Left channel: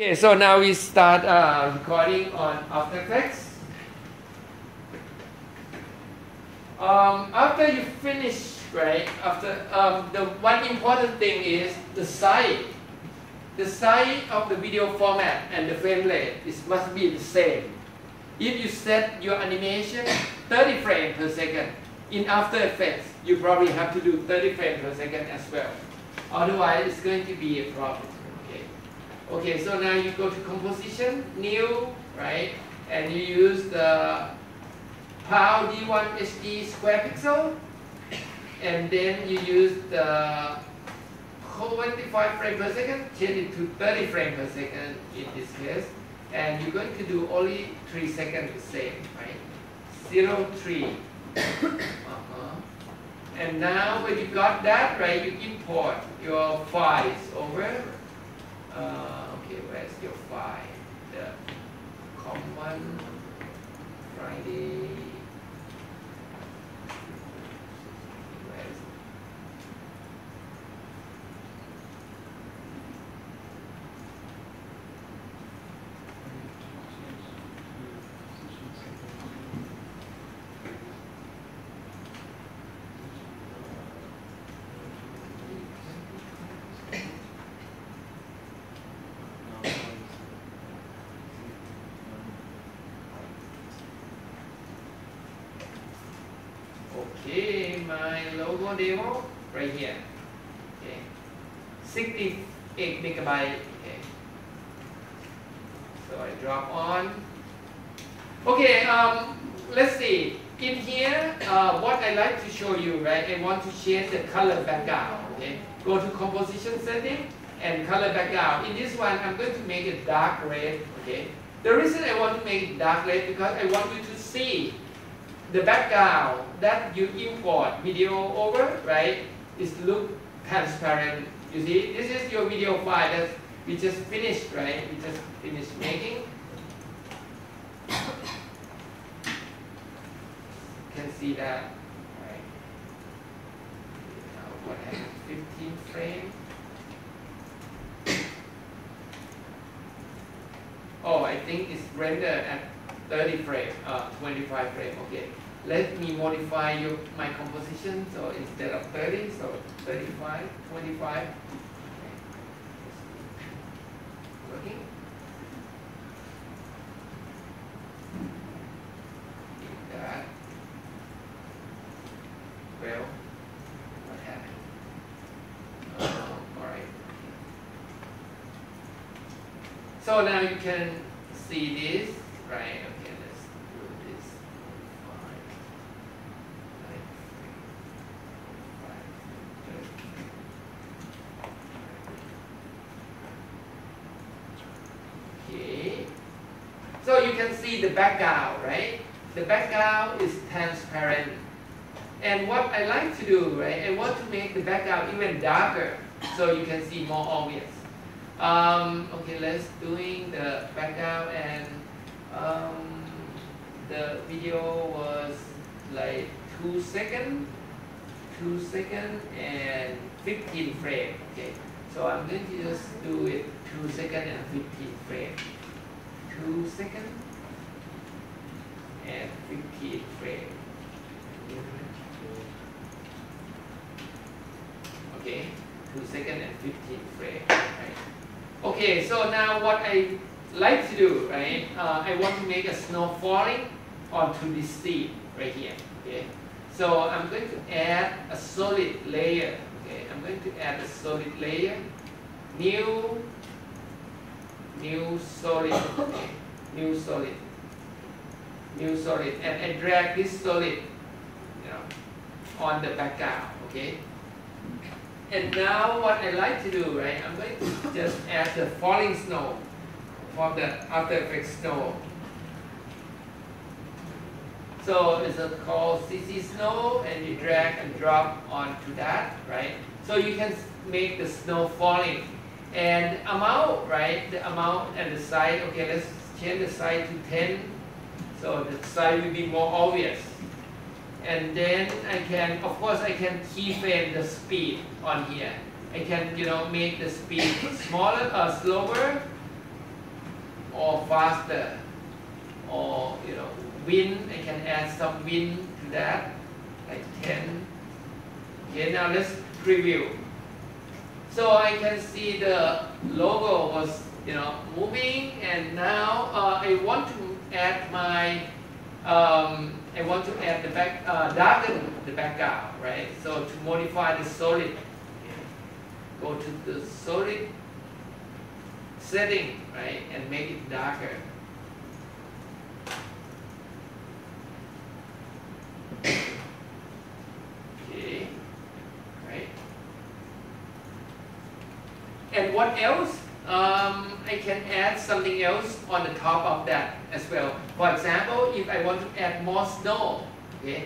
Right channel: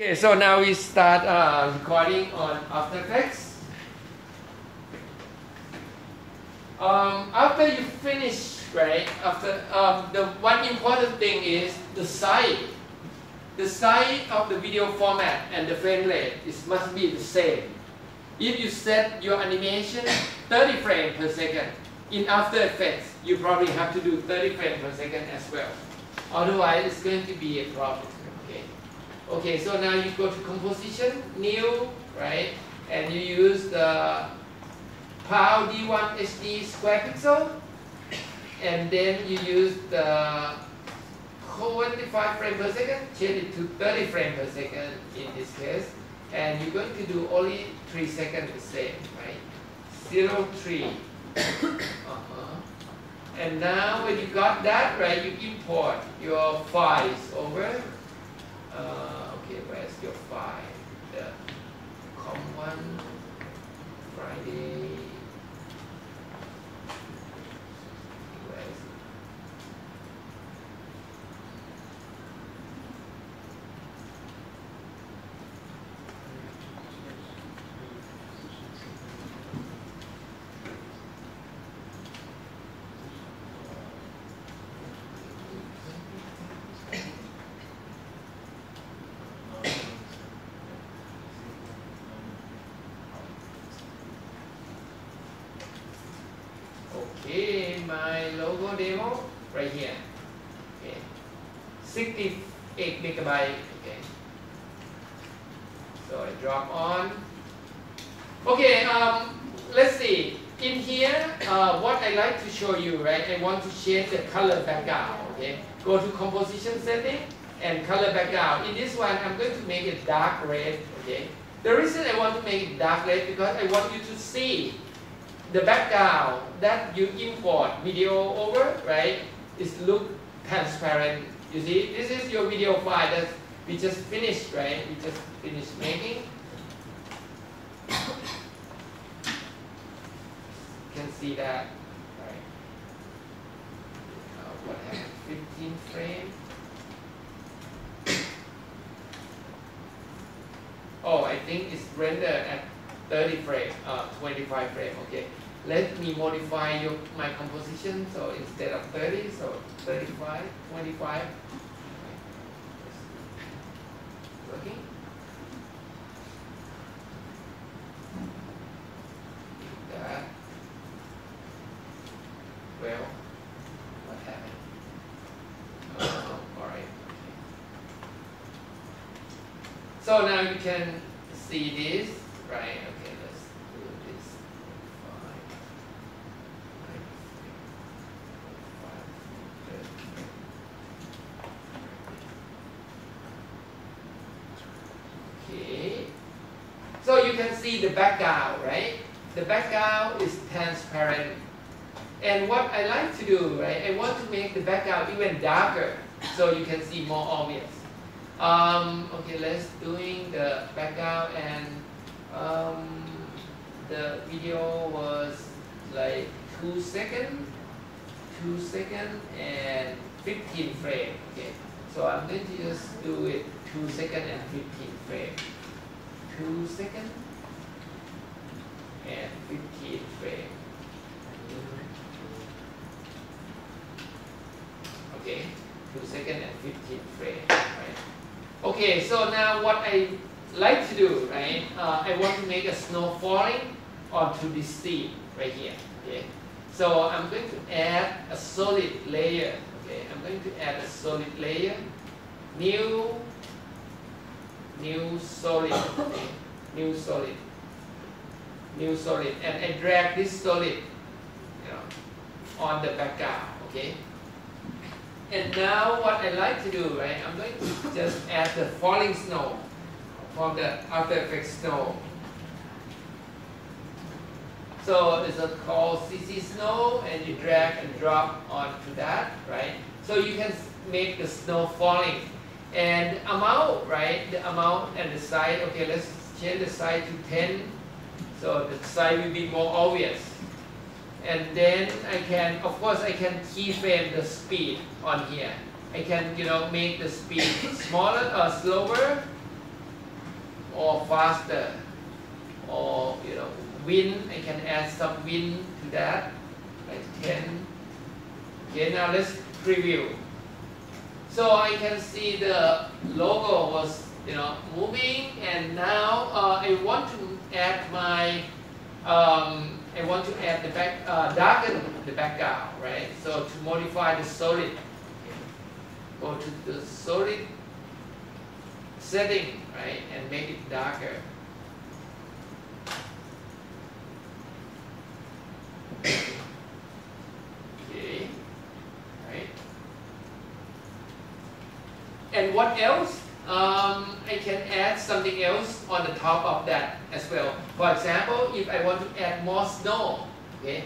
Okay, so now we start recording on After Effects. After you finish, right? After the one important thing is the size. The size of the video format and the frame rate must be the same. If you set your animation 30 frames per second in After Effects, you probably have to do 30 frames per second as well. Otherwise, it's going to be a problem. Okay, so now you go to Composition, New, right? And you use the PAL D1 HD square pixel. And then you use the 25 frames per second, change it to 30 frames per second in this case. And you're going to do only 3 seconds the same, right? 0, 3. And now when you got that, right, you import your files over. Okay, where's your file? The common Friday. Where's Okay, my logo demo right here. Okay, 68 megabyte. Okay, so I drop on. Okay, let's see. In here, what I like to show you, right? I want to change the color background. Okay, go to Composition Setting and Color Background. In this one, I'm going to make it dark red. Okay, the reason I want to make it dark red because I want you to see the background that you import video over, right, is look transparent. You see, this is your video file that we just finished, right? We just finished making. You can see that, right? What happened? 15 frames. Oh, I think it's rendered at 30 frames, 25 frames. Okay. Let me modify my composition. So instead of 30, so 35, 25. Working. That. Well, what happened? All right. So now you can see this, right? So you can see the background, right? The background is transparent. And what I like to do, right? I want to make the background even darker so you can see more obvious. Okay, let's doing the background and the video was like 2 seconds and 15 frames. Okay, so I'm going to just do it 2 seconds and 15 frames. 2 seconds and 15 frames. Okay, 2 seconds and 15 frames. Right? Okay, so now what I like to do, right? I want to make a snow falling onto this scene right here. Okay, so I'm going to add a solid layer. Okay, I'm going to add a solid layer. New solid, okay. New solid, and I drag this solid, on the background, okay. And now what I like to do, right? I'm going to just add the falling snow for the After Effects snow. So it's called CC snow, and you drag and drop onto that, right? So you can make the snow falling. And amount, right? The amount and the size. Okay, let's change the size to 10. So the size will be more obvious. And then I can, of course, I can keyframe the speed on here. I can, make the speed smaller or slower, or faster, or wind. I can add some wind to that, like 10. Okay, now let's preview. So I can see the logo was moving, and now I want to add my I want to add the darken the background, right? So to modify the solid, go to the solid setting, right, and make it darker. Okay, right. And what else? I can add something else on the top of that as well. For example, if I want to add more snow, okay,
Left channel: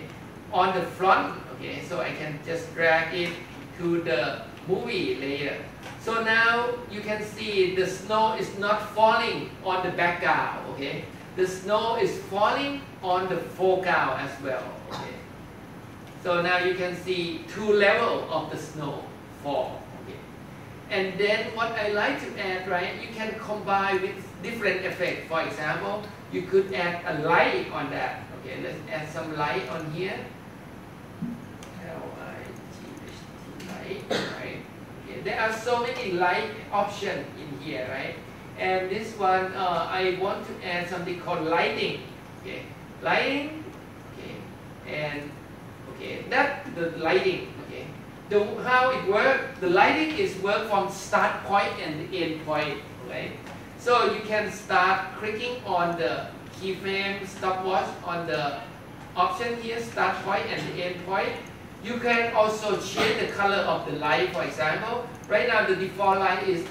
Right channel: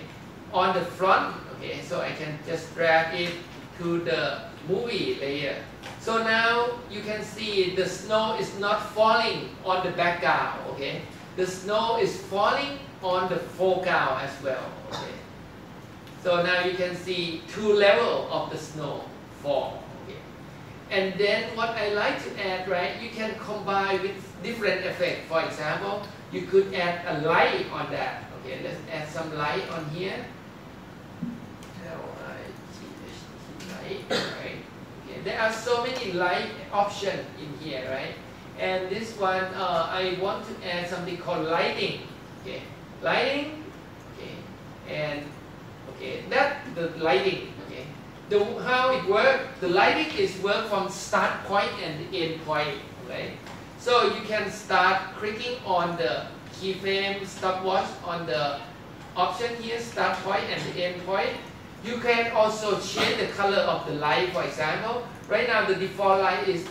on the front, okay, so I can just drag it to the movie layer. So now you can see the snow is not falling on the background, okay. The snow is falling on the foreground as well, okay. So now you can see two levels of the snow fall. And then what I like to add, right, you can combine with different effects. For example, you could add a light on that. Okay, let's add some light on here. L-I-G-H-T, light, right? Okay, there are so many light options in here, right? And this one, I want to add something called lighting. Okay, lighting, okay, and okay, that's the lighting. Okay. How it works, the lighting is work from start point and the end point, right? So you can start clicking on the keyframe stopwatch on the option here, start point and the end point. You can also change the color of the light, for example. Right now the default light is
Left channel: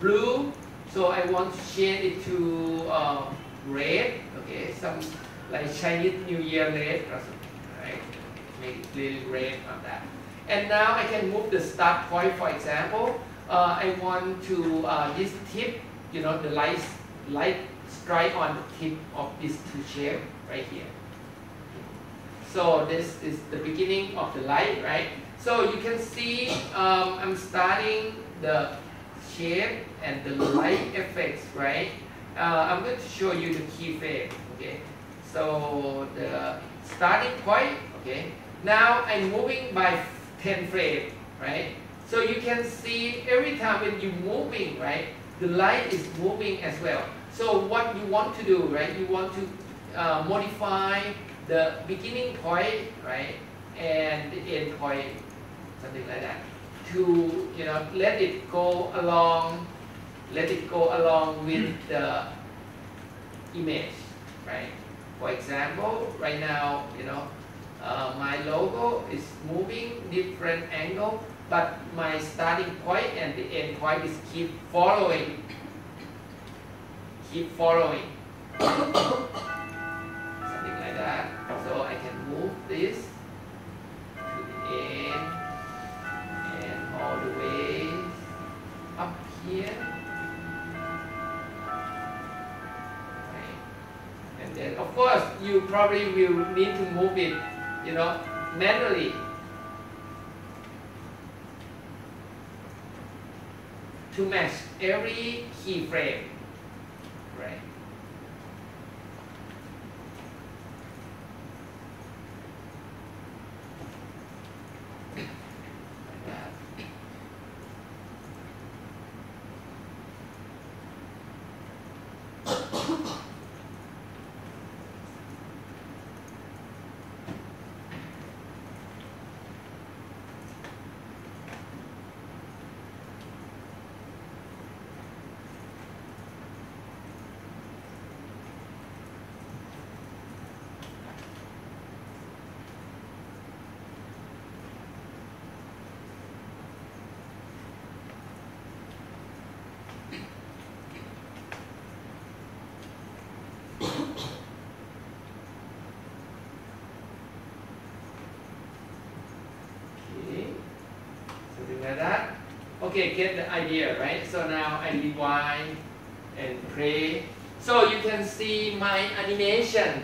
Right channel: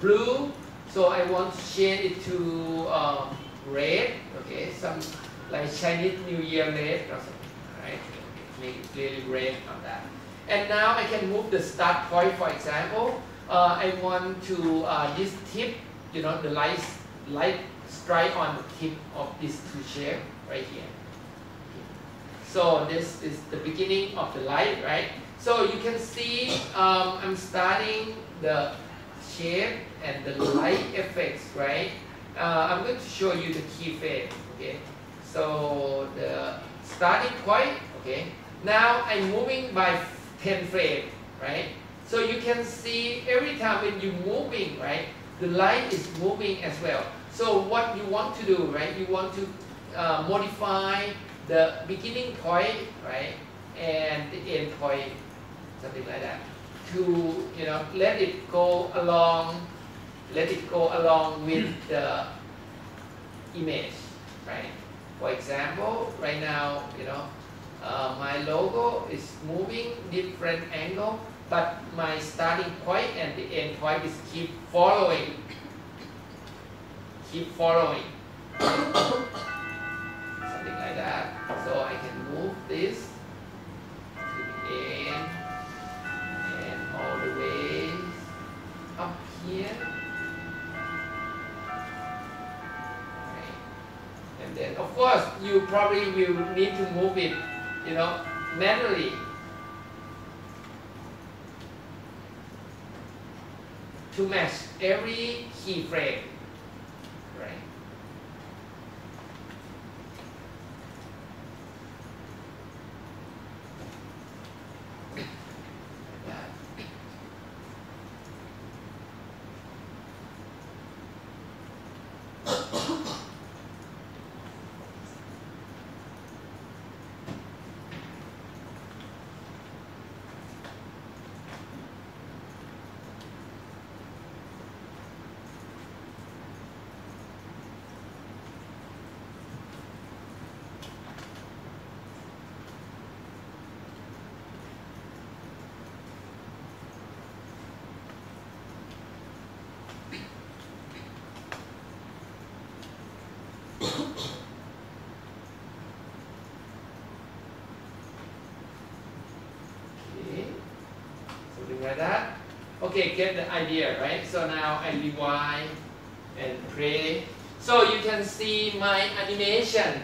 blue, so I want to change it to red, okay, some like Chinese New Year red or something, right? Make it really red on that. And now I can move the start point, for example. I want to, this tip, the light strike on the tip of these two shapes right here. So this is the beginning of the light, right? So you can see I'm starting the shape and the light effects, right? I'm going to show you the keyframe, okay? So the starting point, okay? Now I'm moving by 10 frames, right? So you can see every time when you're moving, right, the light is moving as well. So what you want to do, right, you want to modify the beginning point, right, and the end point, something like that, to let it go along with the image, right? For example, right now, my logo is moving different angle, but my starting point and the end point is keep following. Something like that. So I can move this to the end and all the way up here. Right. And then of course you probably will need to move it manually to match every keyframe, right? Like that. Okay, get the idea, right? So now I rewind and play. So you can see my animation,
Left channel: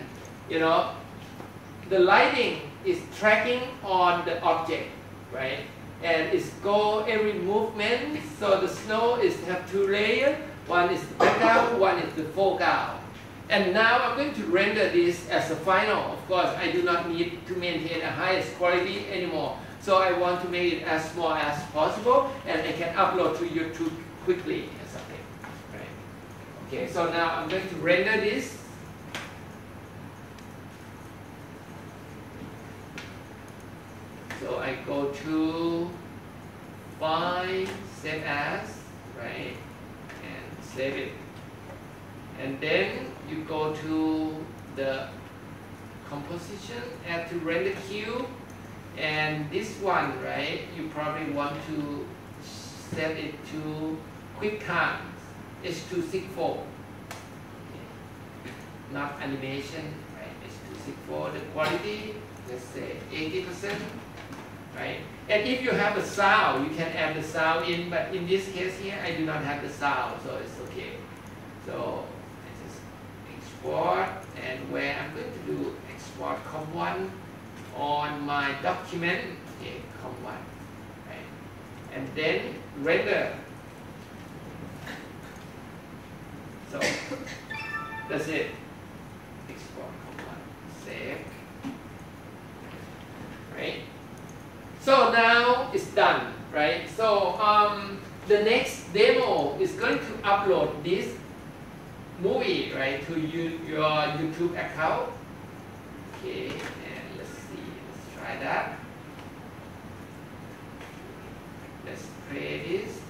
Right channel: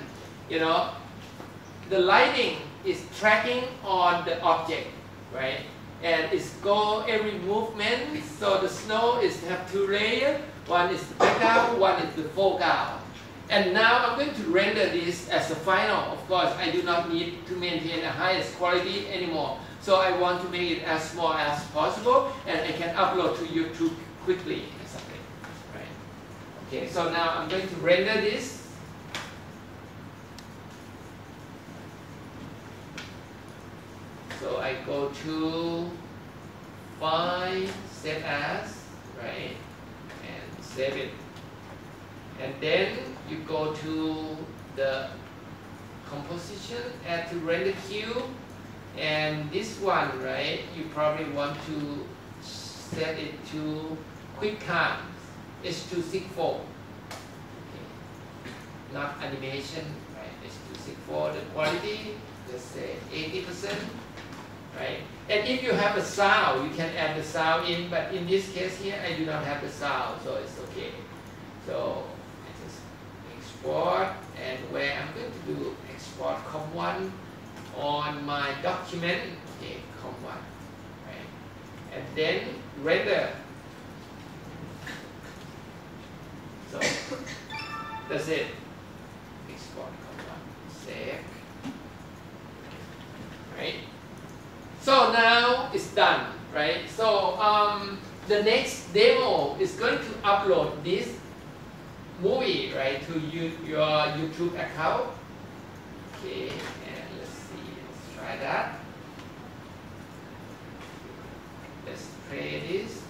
the lighting is tracking on the object, right? And it's go every movement. So the snow is have two layers. One is the background, one is the foreground. And now I'm going to render this as a final. Of course, I do not need to maintain the highest quality anymore. So I want to make it as small as possible, and I can upload to YouTube quickly or something. Right? Okay, so now I'm going to render this. So I go to File, Save As, right, and save it. And then you go to the composition, add to render queue, and this one, right, you probably want to set it to QuickTime, H.264, okay. Not animation, right, H.264, the quality, let's say 80%, right? And if you have a sound, you can add the sound in, but in this case here, I do not have the sound, so it's okay. So export, and where I'm going to do export COM1 on my document, okay, COM1, right, and then render. So that's it. Export COM1, save, right. So now it's done, right? So the next demo is going to upload this movie, right, to your YouTube account. Okay, and let's see, let's try that. Let's play this.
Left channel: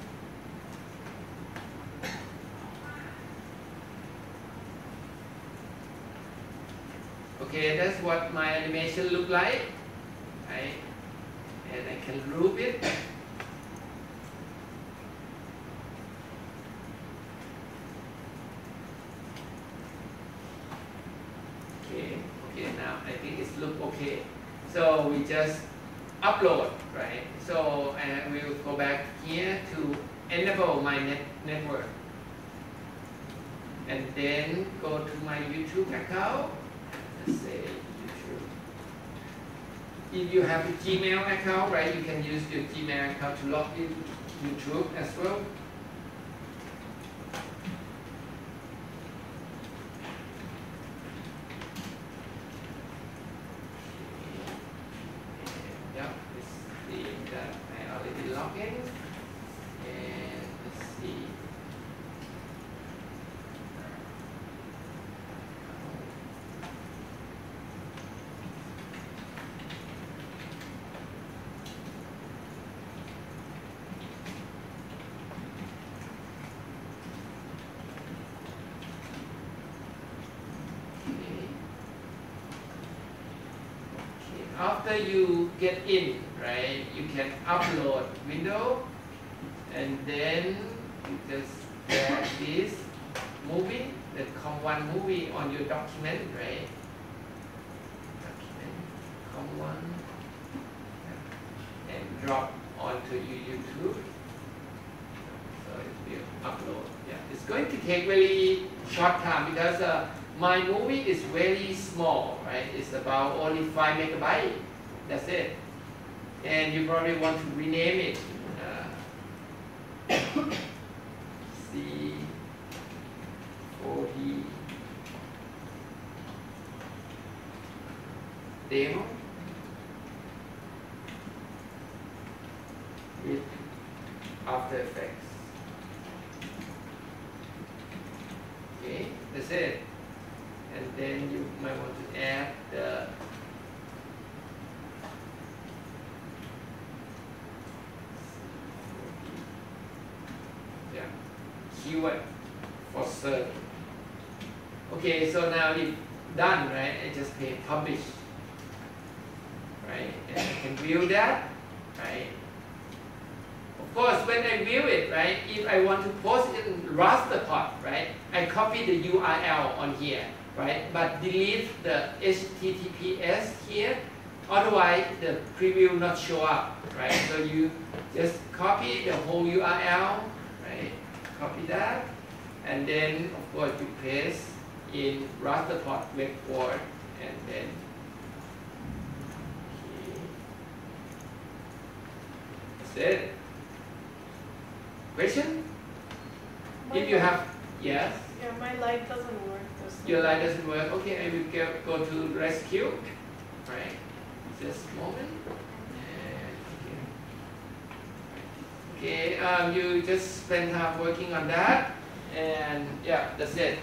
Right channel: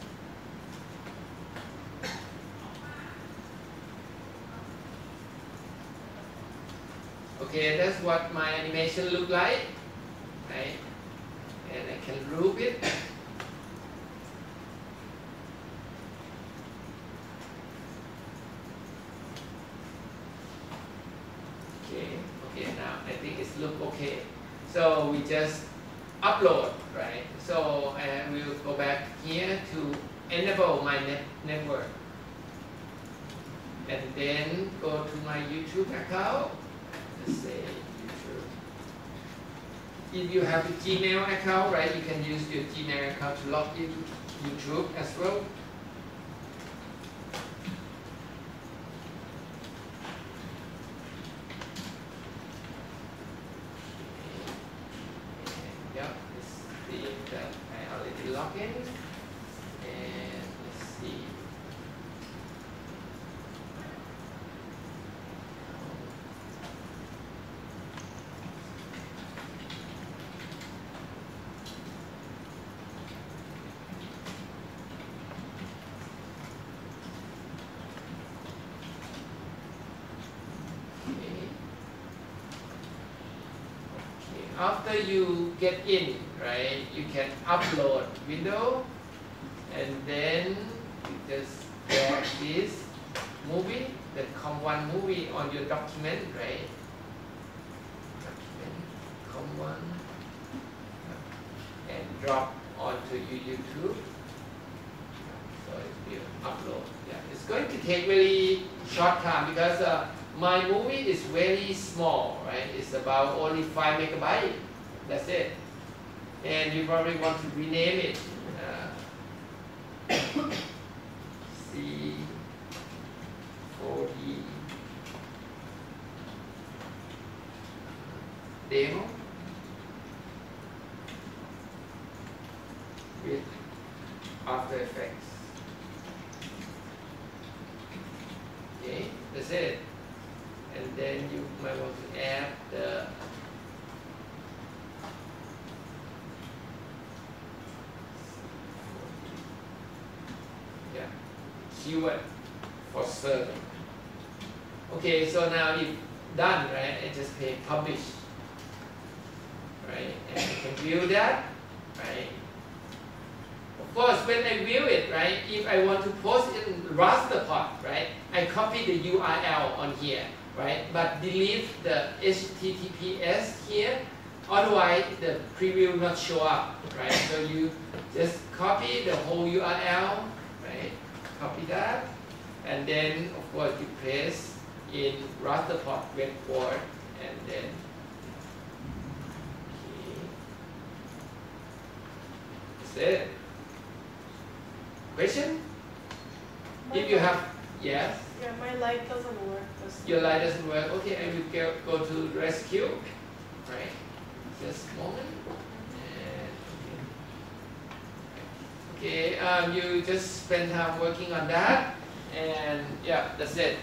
Okay, that's what my animation look like, right? And I can group it. Okay, now I think it's look okay. So we just upload, right? So and we will go back here to enable my network. And then go to my YouTube account. Let's say YouTube. If you have a Gmail account, right, you can use your Gmail account to log into YouTube as well. After you get in, right, you can upload window, and then you just drag this movie, the COM1 movie on your document, right? Document COM1, and drop onto your YouTube. So it will upload. Yeah, it's going to take really short time because my movie is very small, right? It's about only 5 megabytes. That's it. And you probably want to rename it. C4D demo with After Effects. Okay, that's it. And then you might want to add the keyword for search. Okay, so now it's done, right? I just pay publish, right? And I can view that, right? Of course, when I view it, right, if I want to post it in raster pod, right, I copy the URL on here, right, but delete the HTTPS here, otherwise the preview will not show up, right? So you just copy the whole URL, right? Copy that, and then of course you paste in raster pod web port, and then okay. That's it. Question? If you have, yes. Yeah, my light doesn't work. Your light doesn't work. Okay, I will go to rescue. Right. Just a moment. Okay, you just spend time working on that, and yeah, that's it.